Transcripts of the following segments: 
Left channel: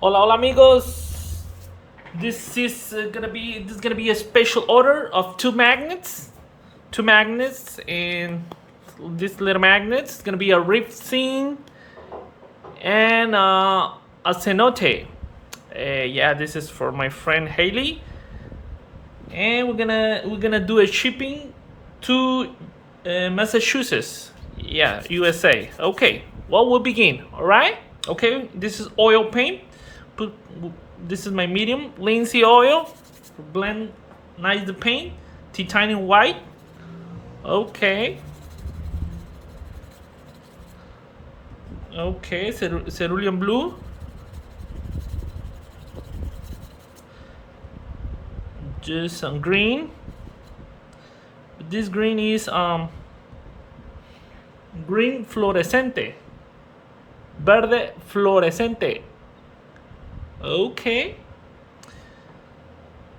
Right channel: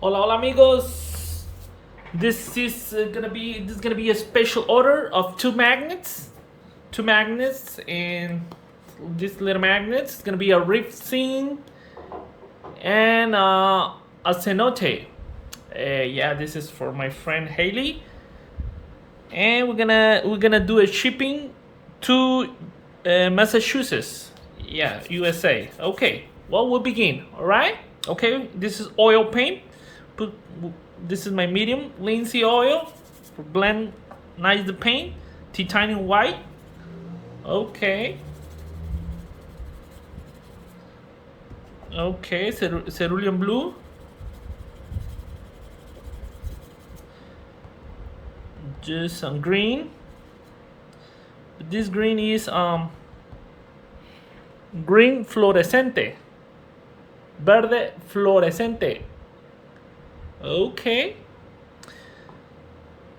Hola, hola, amigos. This is gonna be a special order of two magnets, and this little magnet is gonna be a reef scene and a cenote. Yeah, this is for my friend Hayley, and we're gonna do a shipping to Massachusetts. Yeah, USA. Okay, well, we'll begin. All right. Okay, this is oil paint. Put this is my medium linseed oil for blend nice the paint. Titanium white. Okay. Okay, cerulean blue. Just some green. This green is green fluorescente. Verde fluorescente. Ok.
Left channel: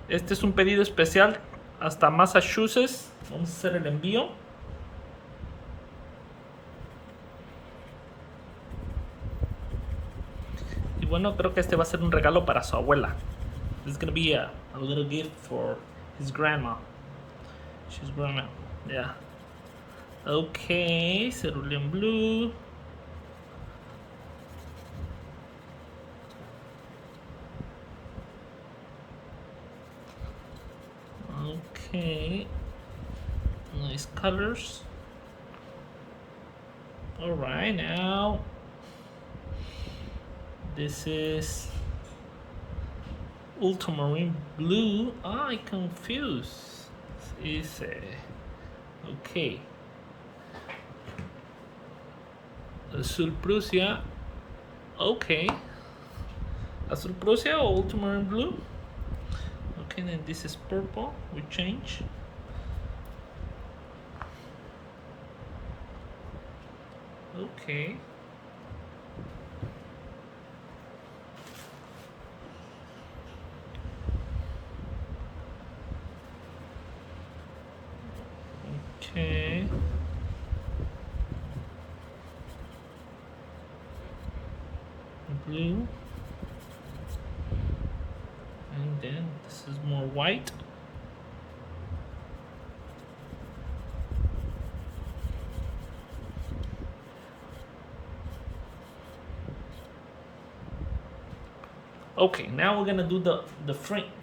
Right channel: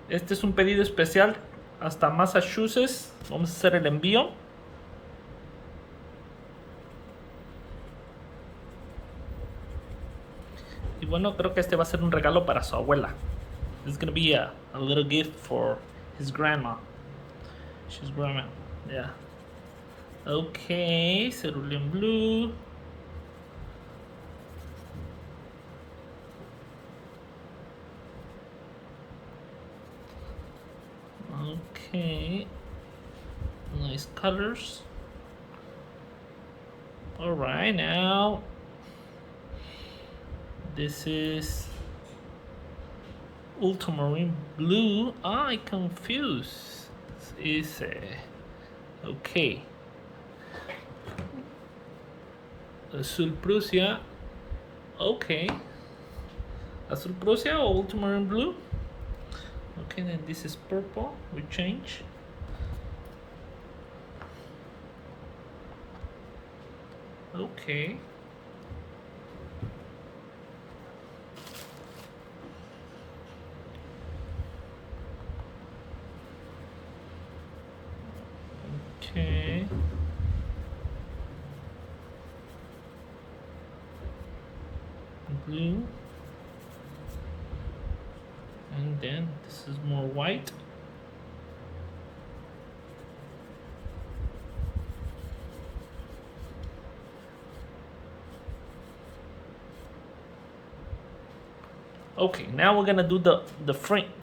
Este es un pedido especial hasta Massachusetts. Vamos a hacer el envío. Y bueno, creo que este va a ser un regalo para su abuela. This is gonna be a little gift for his grandma. She's grandma. Yeah. Okay, cerulean blue. Okay. Nice colors. Alright, now this is ultramarine blue. I confused. Is okay. Azul Prusia. Okay. Azul Prusia or ultramarine blue. Okay, then this is purple. We change. Okay. Okay. Blue. And then this is more white. Okay, now we're gonna do the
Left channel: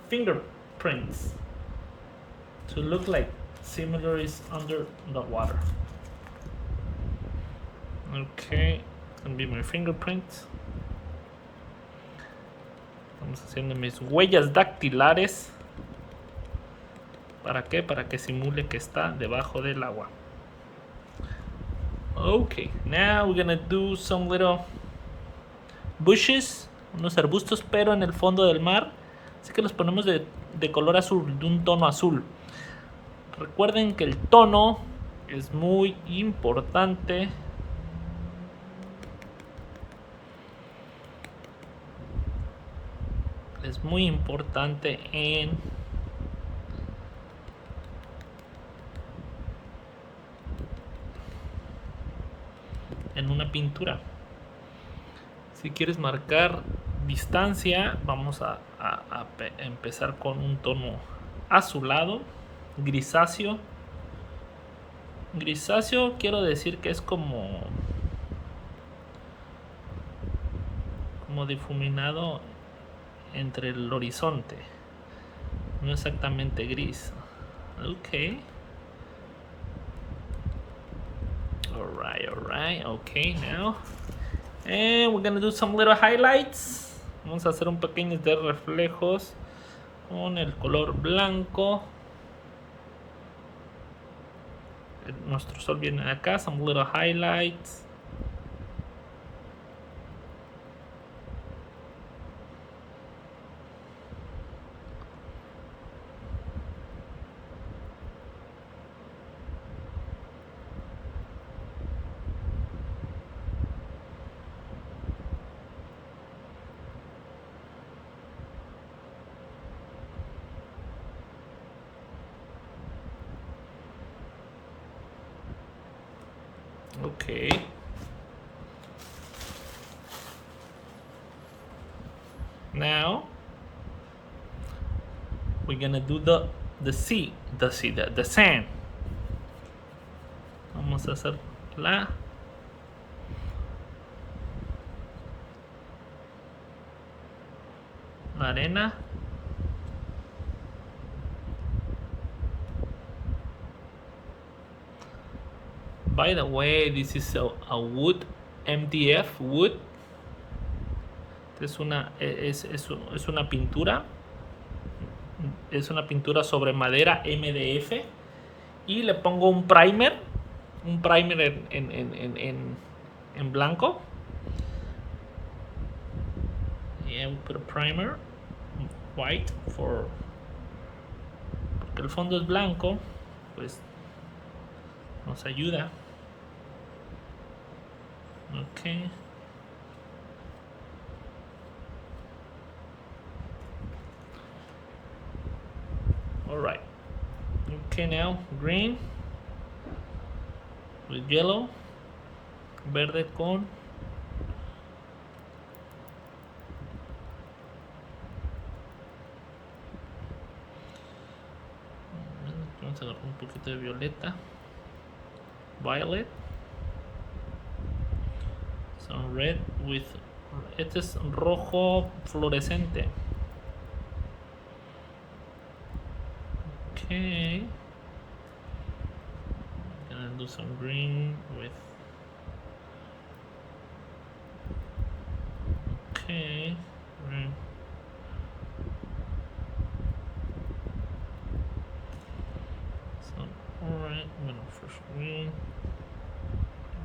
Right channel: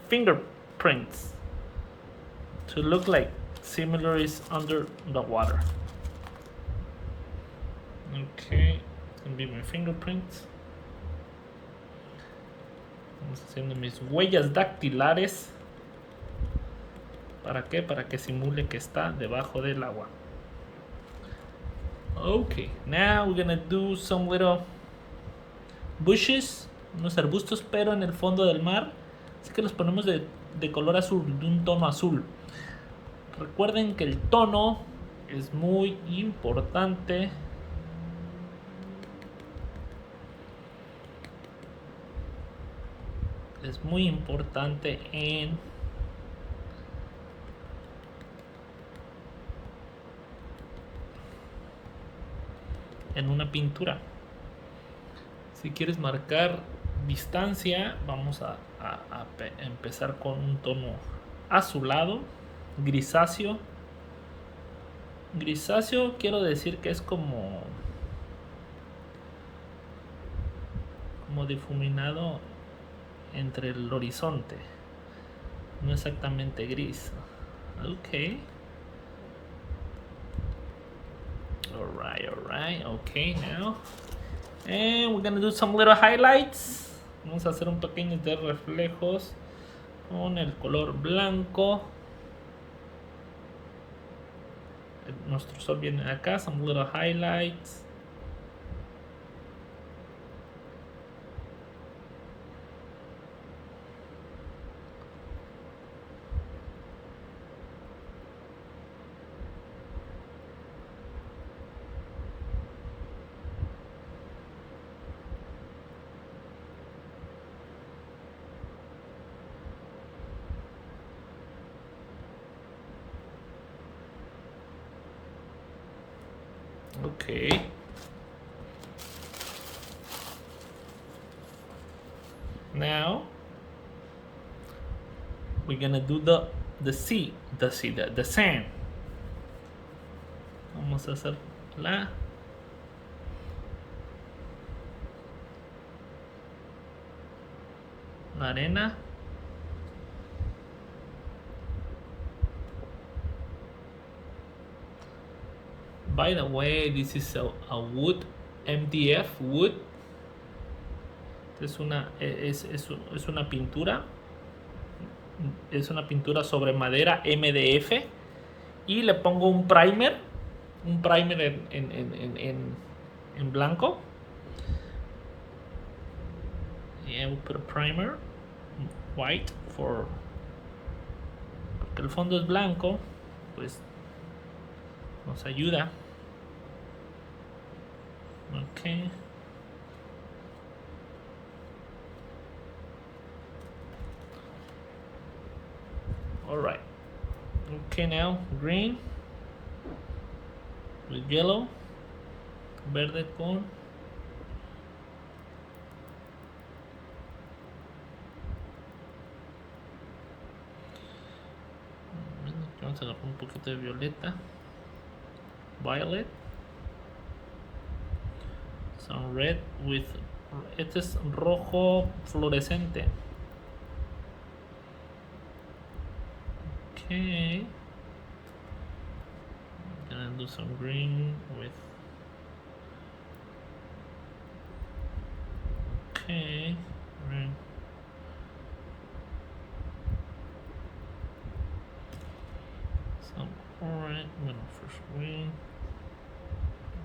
fingerprints to look like similar is under the water. Okay, it's gonna be my fingerprints. Estamos haciendo mis huellas dactilares. ¿Para qué? Para que simule que está debajo del agua. Okay, now we're gonna do some little bushes, unos arbustos, pero en el fondo del mar. Así que los ponemos de color azul, de un tono azul. Recuerden que el tono es muy importante. Es muy importante en una pintura. Si quieres marcar distancia, vamos a empezar con un tono azulado, grisáceo. Grisáceo quiero decir que es como difuminado entre el horizonte, no exactamente gris. Okay. Alright. Okay, now. And we're gonna do some little highlights. Vamos a hacer un pequeño de reflejos con el color blanco. Nuestro sol viene acá. Some little highlights. Okay. Now we're gonna do the sand. Vamos a hacer la arena. By the way, this is a wood, MDF wood. Es una pintura. Es una pintura sobre madera MDF. Y le pongo un primer en blanco. Yeah, we put a primer white porque el fondo es blanco, pues nos ayuda. Okay. All right. Okay, now green with yellow, verde con vamos a agarrar un poquito de violeta, violet, some red with, este es rojo fluorescente. Okay, I'm gonna do some green with, okay, green. Some orange, bueno, first green,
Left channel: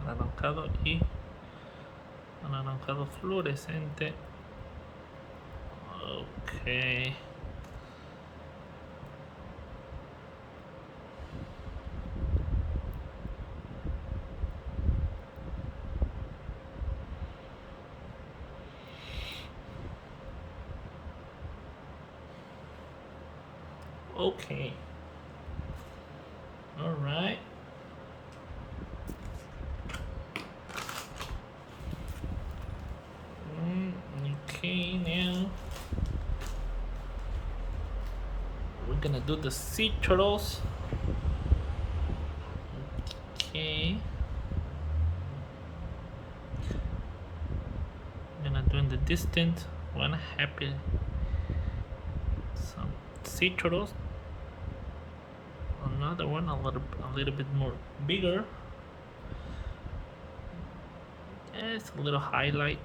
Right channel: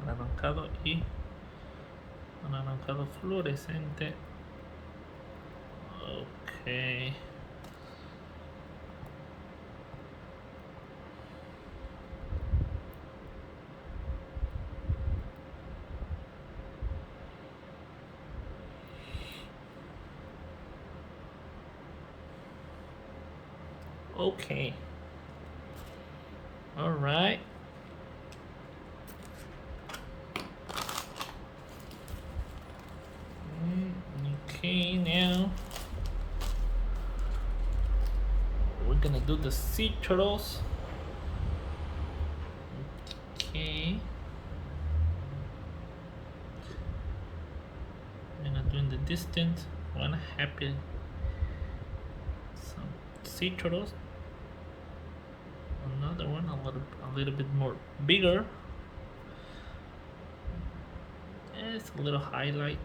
anaranjado y anaranjado fluorescente. Okay. Okay. All right. Okay, now we're gonna do the sea turtles. Okay. I'm gonna do in the distance one happy some sea turtles. Another one a little bit more bigger. It's a little highlight.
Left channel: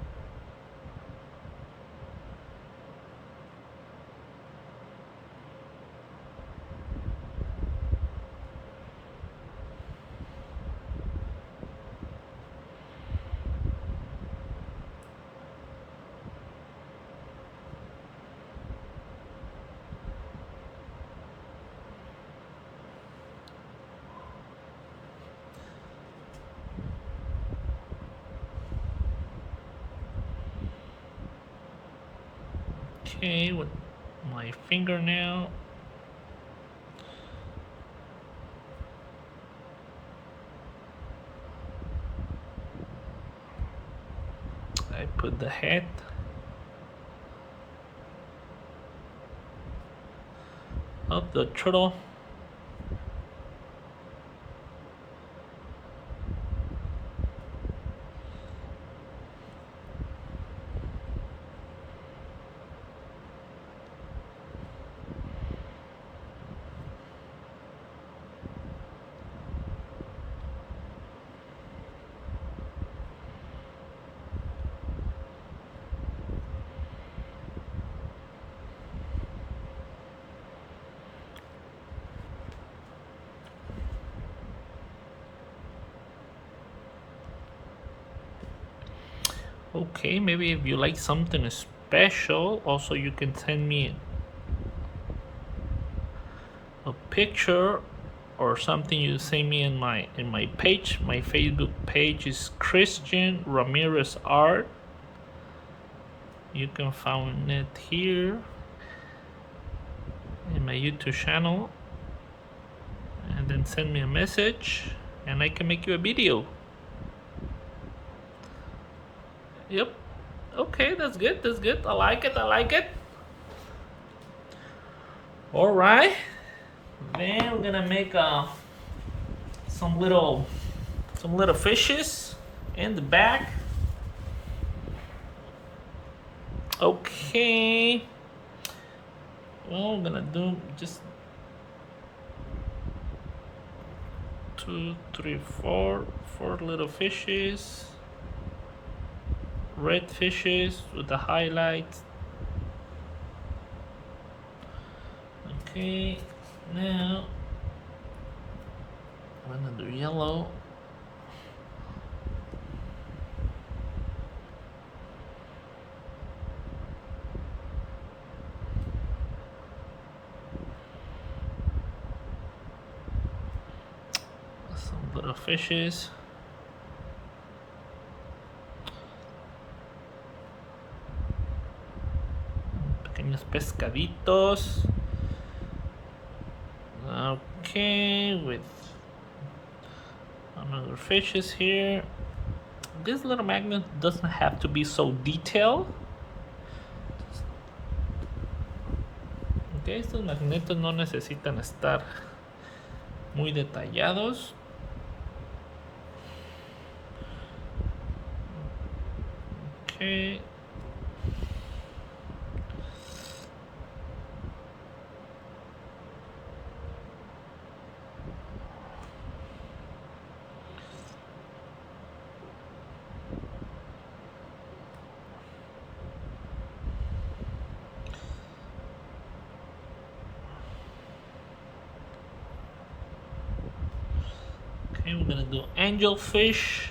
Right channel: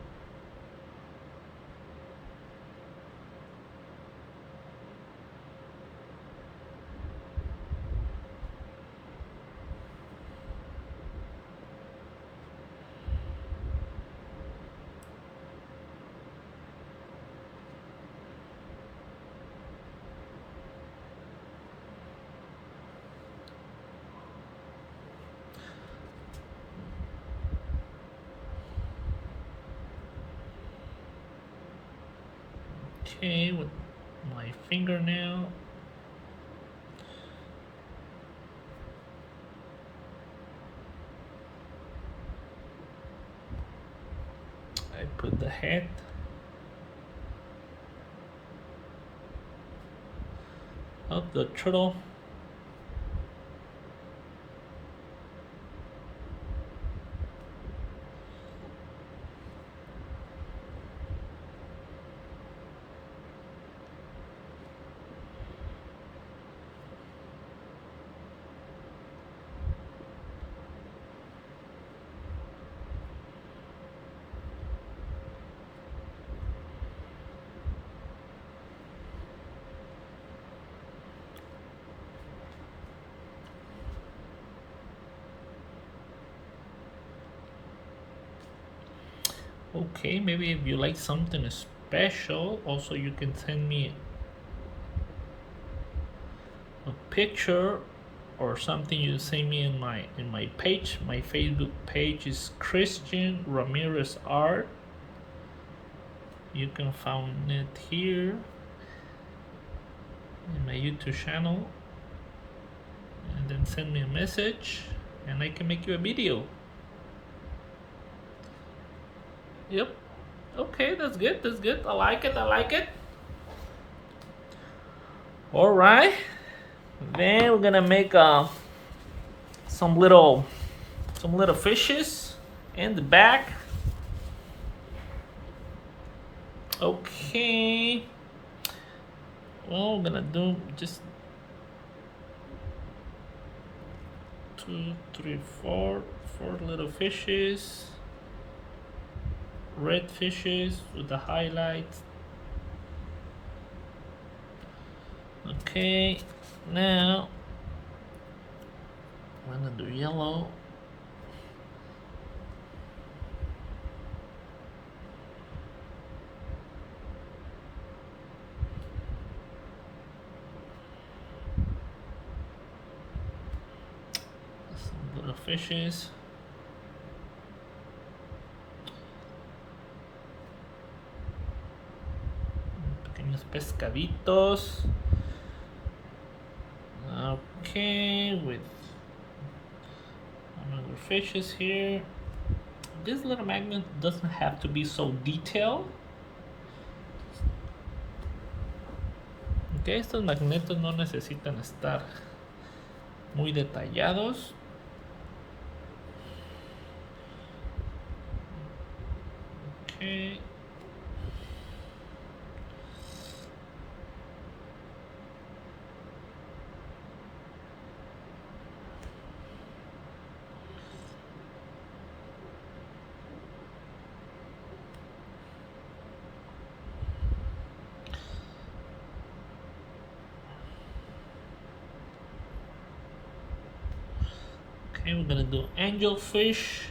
Okay, with my fingernail. I put the head. Of the turtle. Okay, maybe if you like something special, also you can send me a picture or something you send me in my page. My Facebook page is Christian Ramirez Art. You can find it here in my YouTube channel, and then send me a message and I can make you a video. Yep. Okay, that's good. That's good. I like it. I like it. All right. Then we're gonna make some little fishes in the back. Okay. Well, we're gonna do just 2, 3, 4 little fishes. Red fishes with the highlights. Okay, now I'm gonna do yellow. Some little fishes. Pequeños pescaditos. Okay, with another fishes here. This little magnet doesn't have to be so detailed. Okay, estos magnetos no necesitan estar muy detallados. Okay. Okay, we're gonna do angelfish.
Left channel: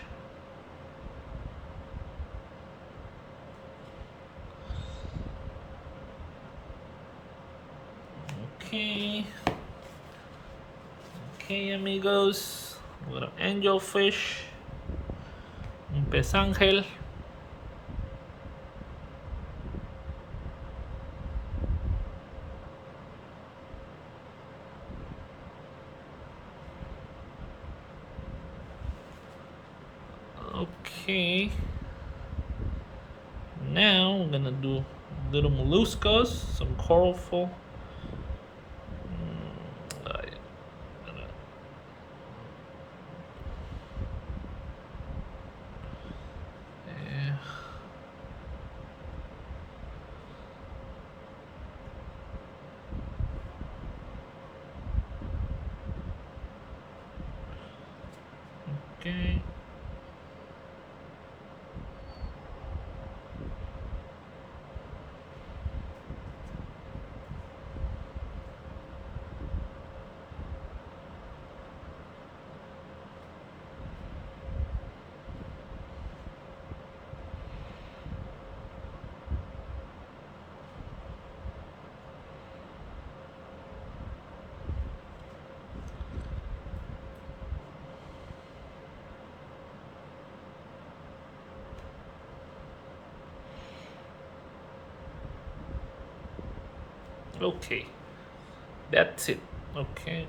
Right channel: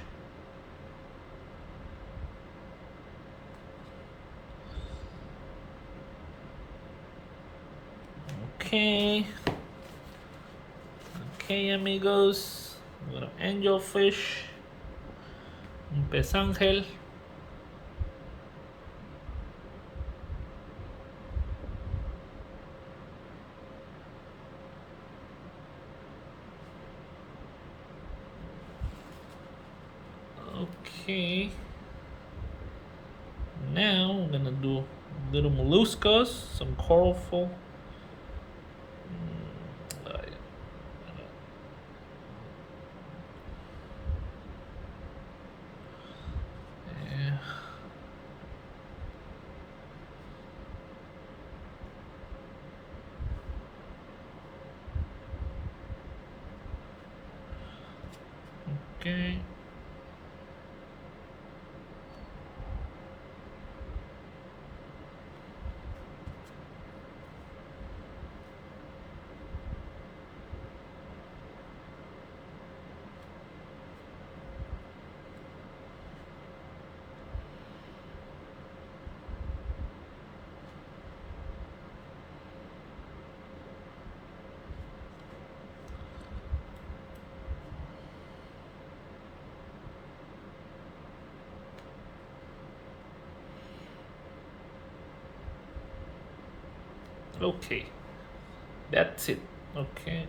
Okay. Okay, amigos. Little angelfish. Un pez ángel. Okay. Now we're gonna do little molluscos, some colorful. Okay. Okay, that's it. Okay,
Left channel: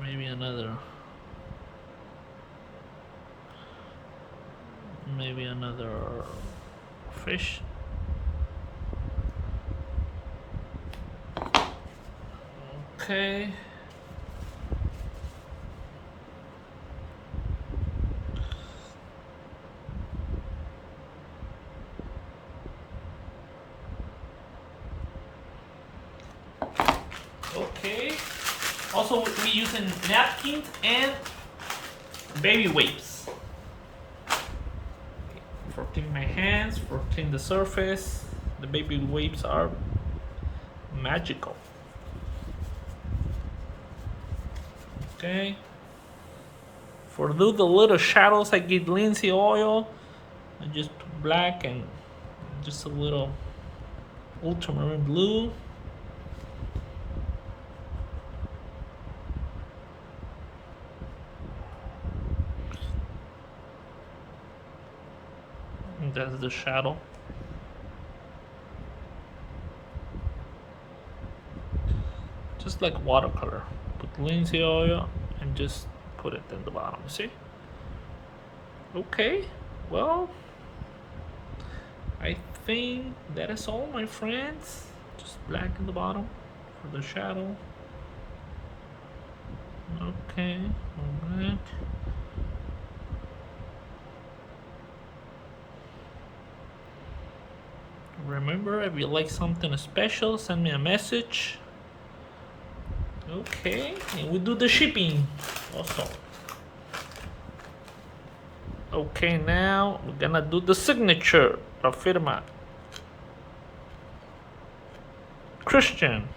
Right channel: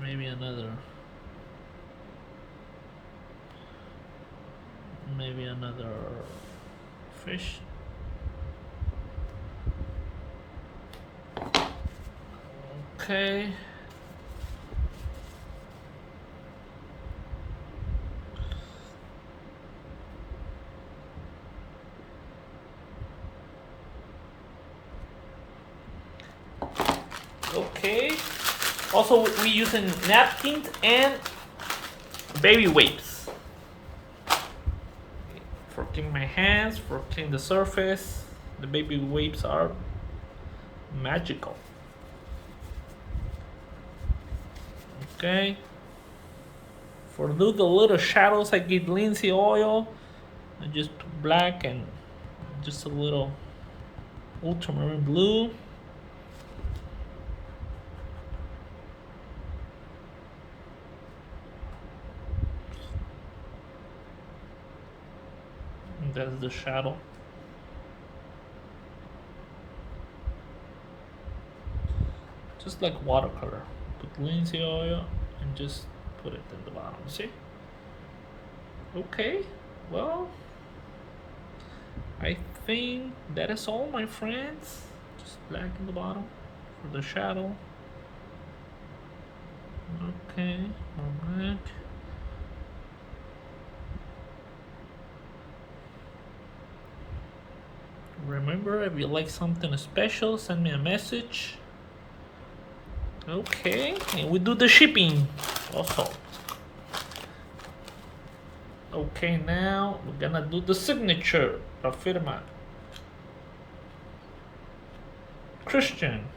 maybe another fish. Okay. Okay. Also, we using napkins and baby wipes for cleaning my hands, for cleaning the surface. The baby wipes are magical. Okay. For do the little shadows, I get linseed oil. I just black and just a little ultramarine blue. That's the shadow. Just like watercolor. Put linseed oil and just put it in the bottom. See? Okay, well, I think that is all, my friends. Just black in the bottom for the shadow. Okay, more black. Remember, if you like something special, send me a message. Okay, and we do the shipping also. Okay, now we're gonna do the signature, la firma. Christian.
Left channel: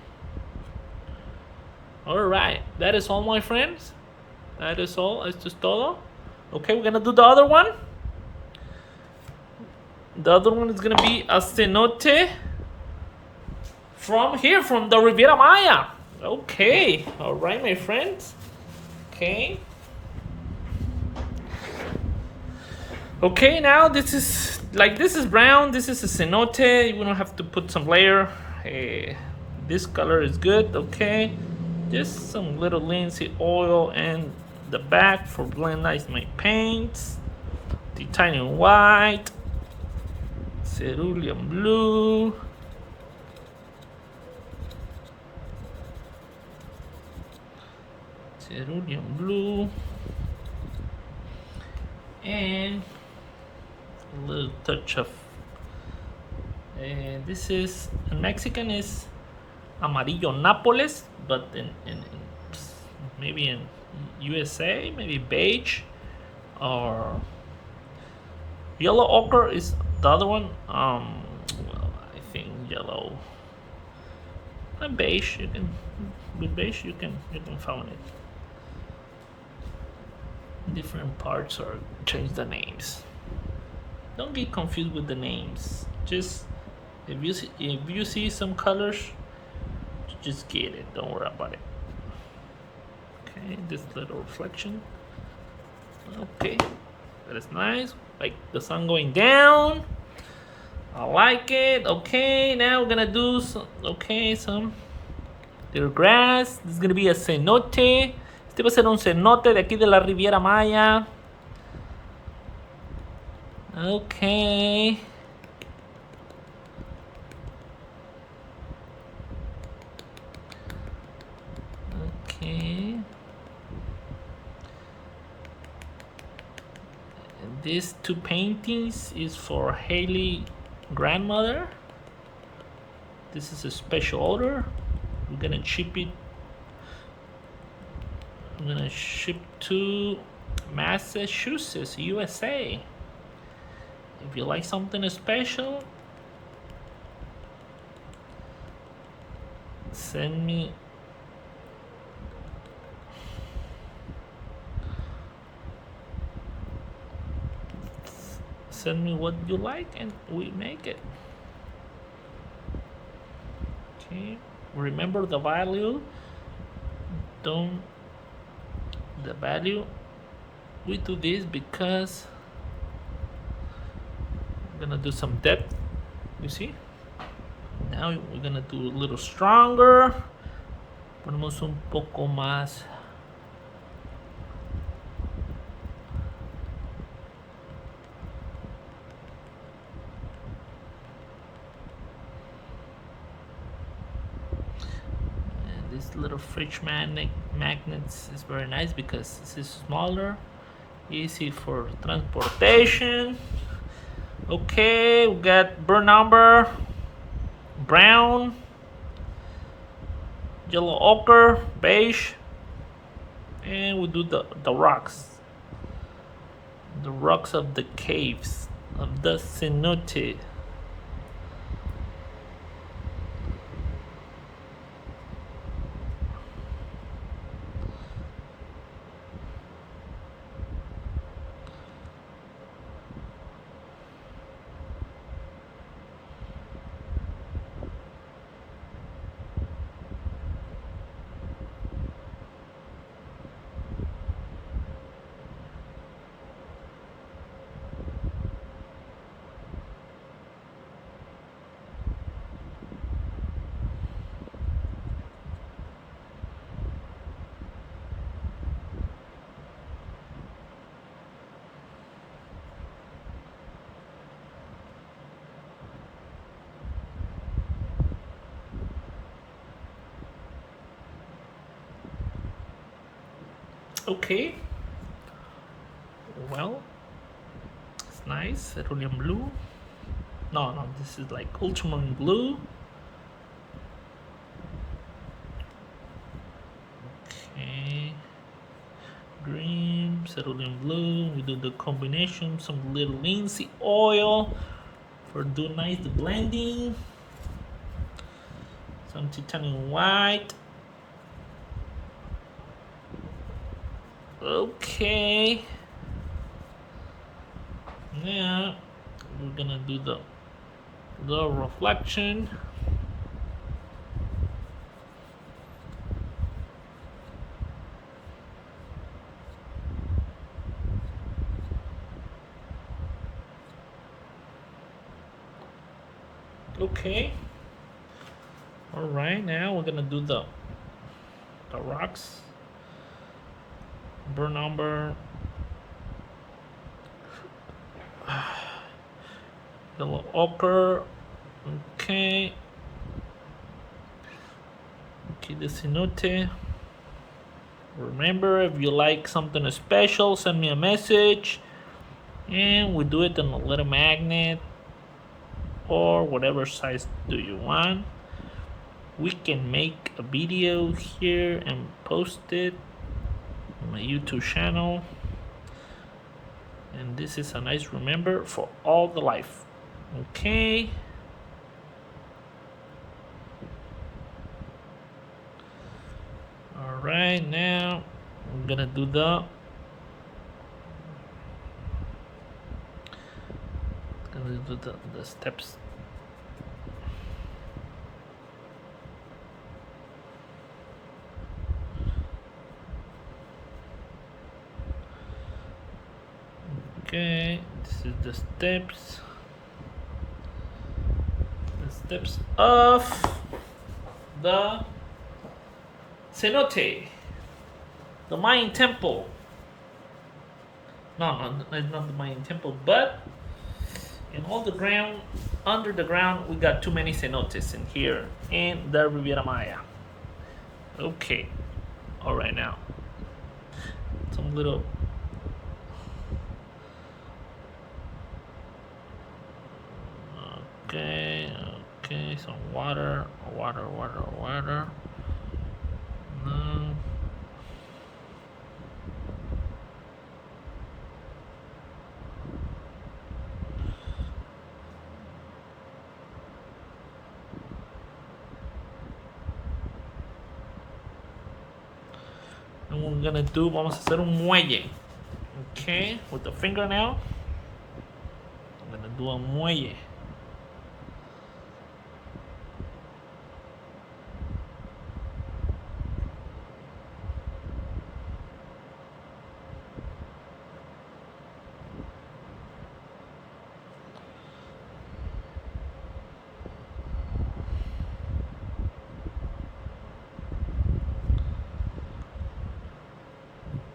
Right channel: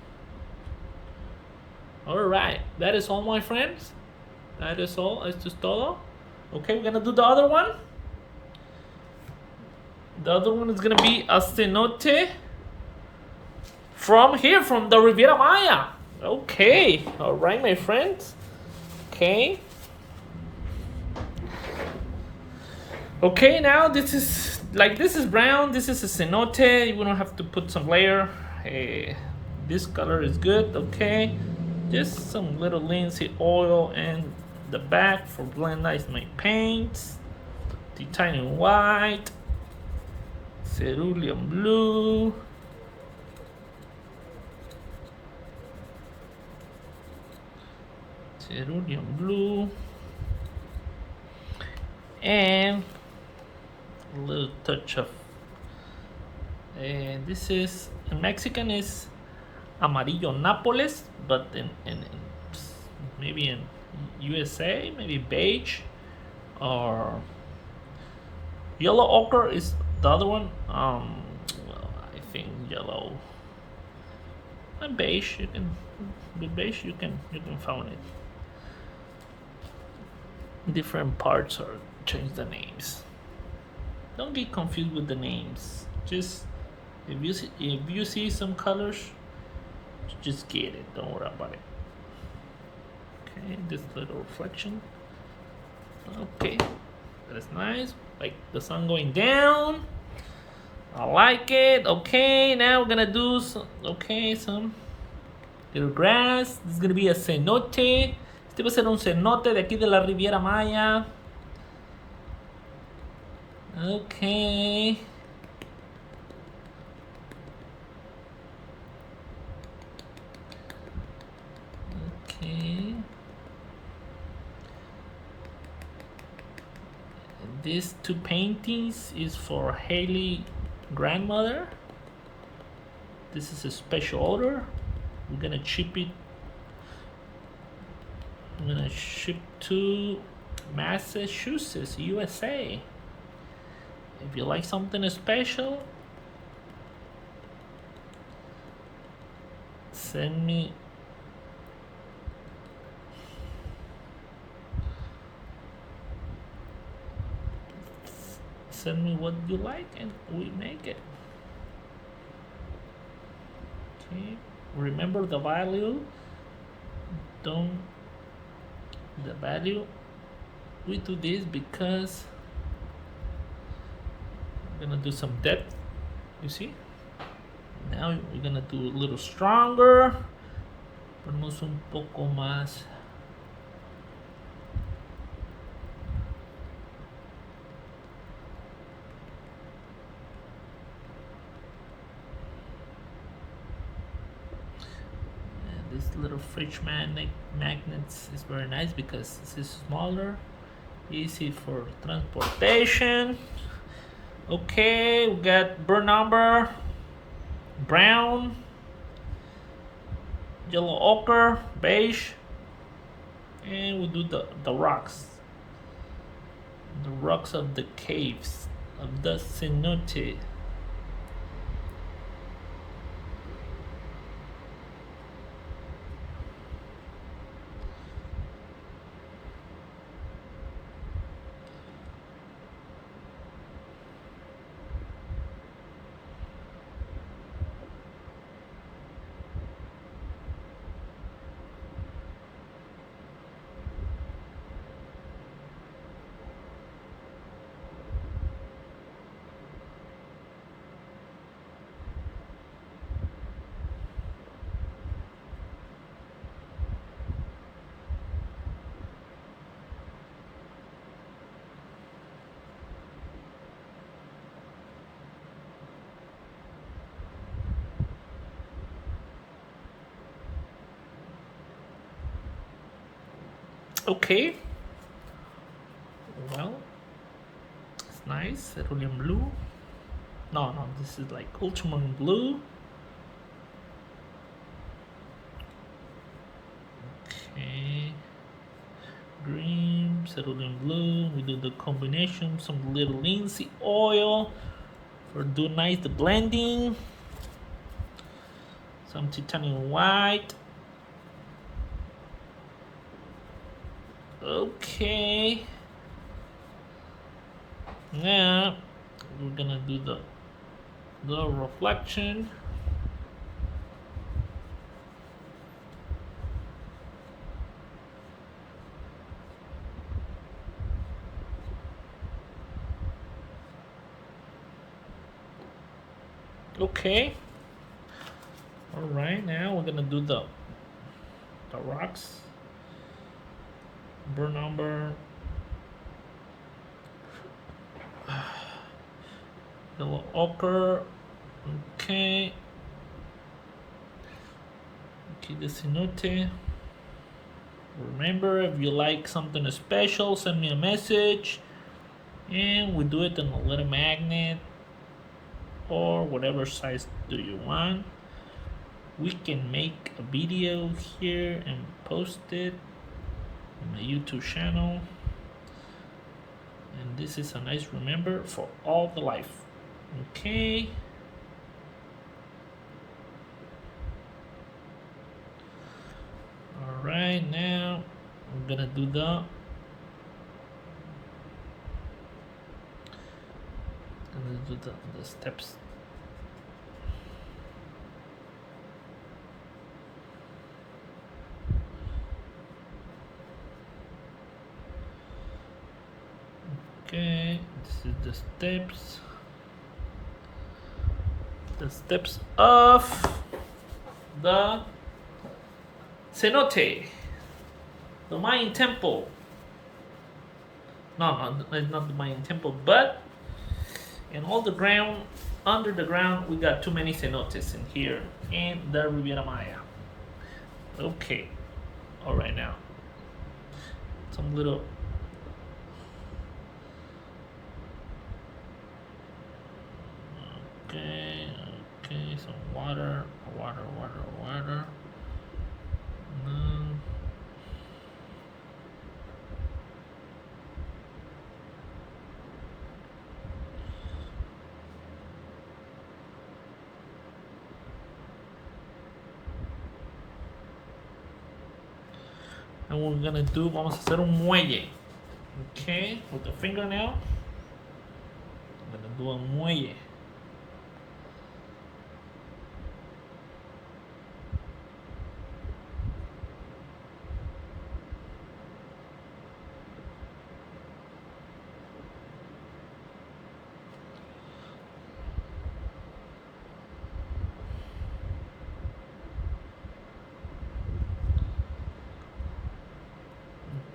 Alright, that is all, my friends. That is all. Esto es todo. Okay, we're gonna do the other one. The other one is gonna be a cenote from here, from the Riviera Maya. Okay, alright, my friends. Okay. Okay, now this is brown. This is a cenote. We don't have to put some layer. This color is good. Okay, just some little linseed oil and the back for blend nice my paints. Titanium white, cerulean blue, and a little touch of. This is in Mexican is amarillo Nápoles, but in maybe in USA maybe beige, or yellow ochre is the other one. Well, I think yellow and beige. You can with beige you can find it. Different parts or change the names. Don't get confused with the names. Just if you see some colors, just get it. Don't worry about it. Okay, this little reflection. Okay, that is nice. Like the sun going down. I like it. Okay, now we're gonna do some little grass. This is gonna be a cenote. Este va a ser un cenote de aquí de la Riviera Maya. Okay. Okay. These two paintings is for Hayley grandmother. This is a special order. We're gonna ship it. I'm gonna ship to Massachusetts, USA. If you like something special, send me what you like and we make it. Okay, remember the value. We do this because we're gonna do some depth. You see, now we're gonna do a little stronger. Ponemos un poco más. This little fridge magnets is very nice because this is smaller, easy for transportation. Okay, we got burn umber, brown, yellow ochre, beige, and we do the rocks. The rocks of the caves of the cenote. Okay. Well, it's nice. Cerulean blue. No, no, this is like ultramarine blue. Okay. Green, cerulean blue. We do the combination, some little linseed oil for do nice the blending. Some titanium white. Okay. Now we're gonna do the reflection. Okay. All right, now we're gonna do the rocks. Burn umber. Yellow ochre. Okay. Okay, the cenote. Remember, if you like something special, send me a message, and we do it in a little magnet or whatever size do you want. We can make a video here and post it on my YouTube channel, and this is a nice remember for all the life. Okay. All right, now I'm gonna do the steps. Okay, this is the steps. The steps of the cenote, the Mayan temple. No, it's not the Mayan temple, but in all the ground, under the ground, we got too many cenotes in here in the Riviera Maya. Okay, all right now, some little. Okay, some water. No. And we're gonna do, vamos a hacer un muelle. Okay, with the fingernail, I'm gonna do a muelle.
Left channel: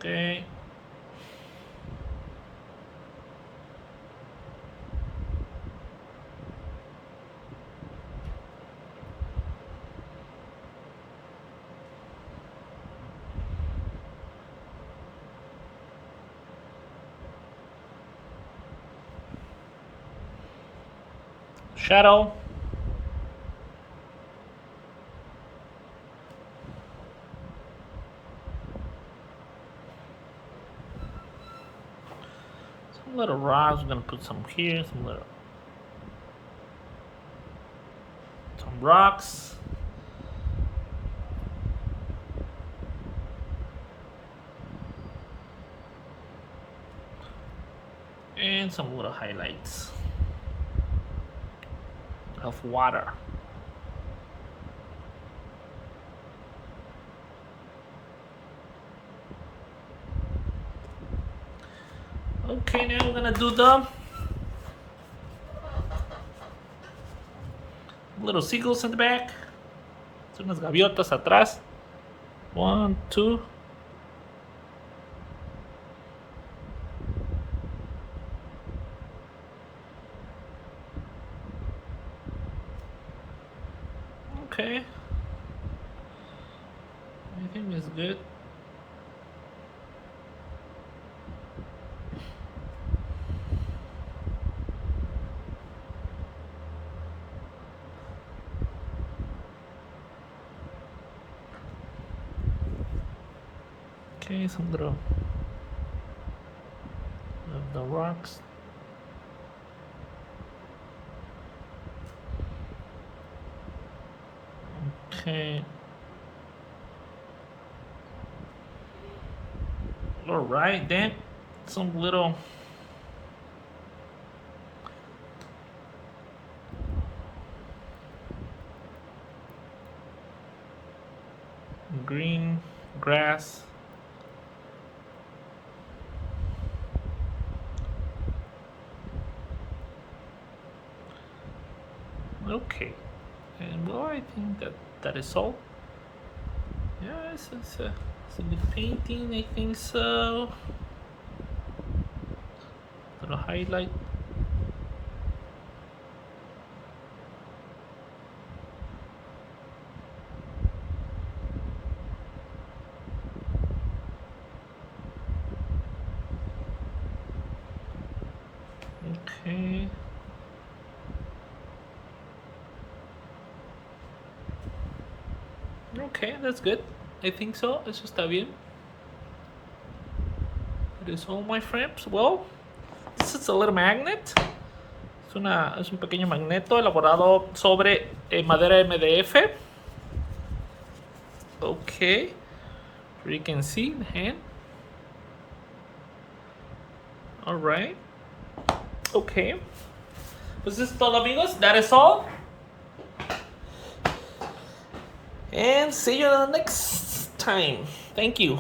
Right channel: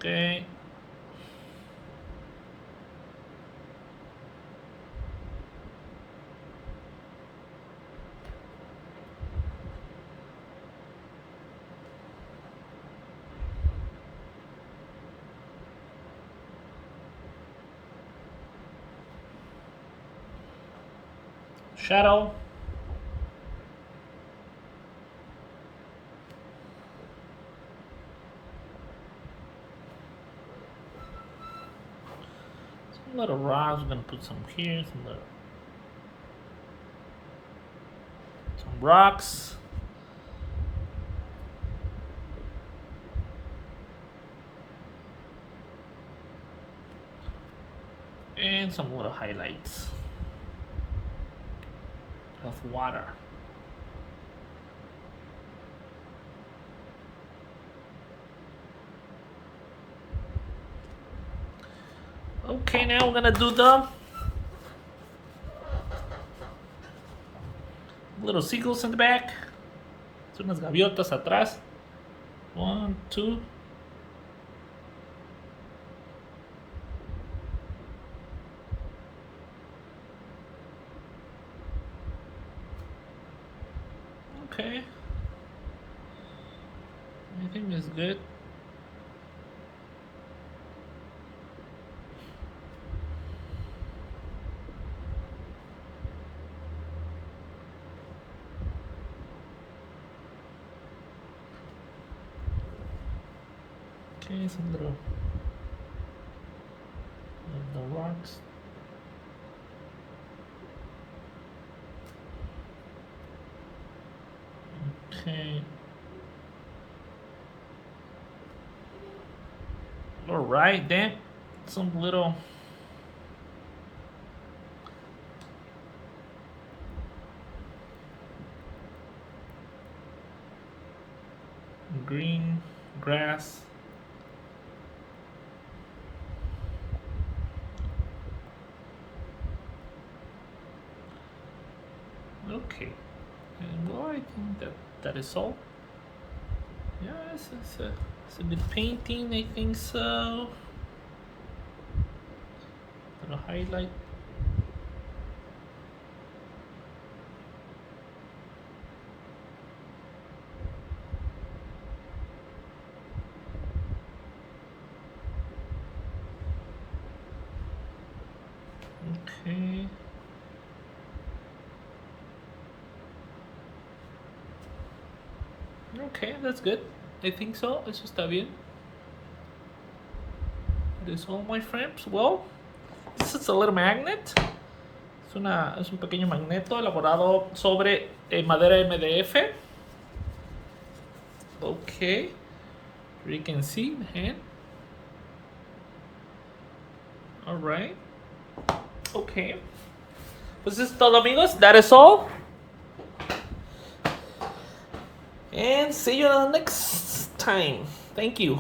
Okay. Shadow. Some little rocks. We're gonna put some here. Some rocks. And some little highlights of water. Okay, now we're gonna do the little seagulls in the back. Son unas gaviotas atrás. 1, 2. Okay. I think it's good. Okay, some little of the rocks. Okay. All right, then some little green grass. Okay, and well, I think that is all. Yeah, it's a good painting. I think so. Little highlight. Okay. Okay, that's good. I think so. Eso está bien. That is all, my friends. Well, this is a little magnet. Es un pequeño magneto elaborado sobre madera MDF. Okay. You can see the hand. Alright. Okay. Pues eso es todo, amigos. That is all. And see you next time. Thank you.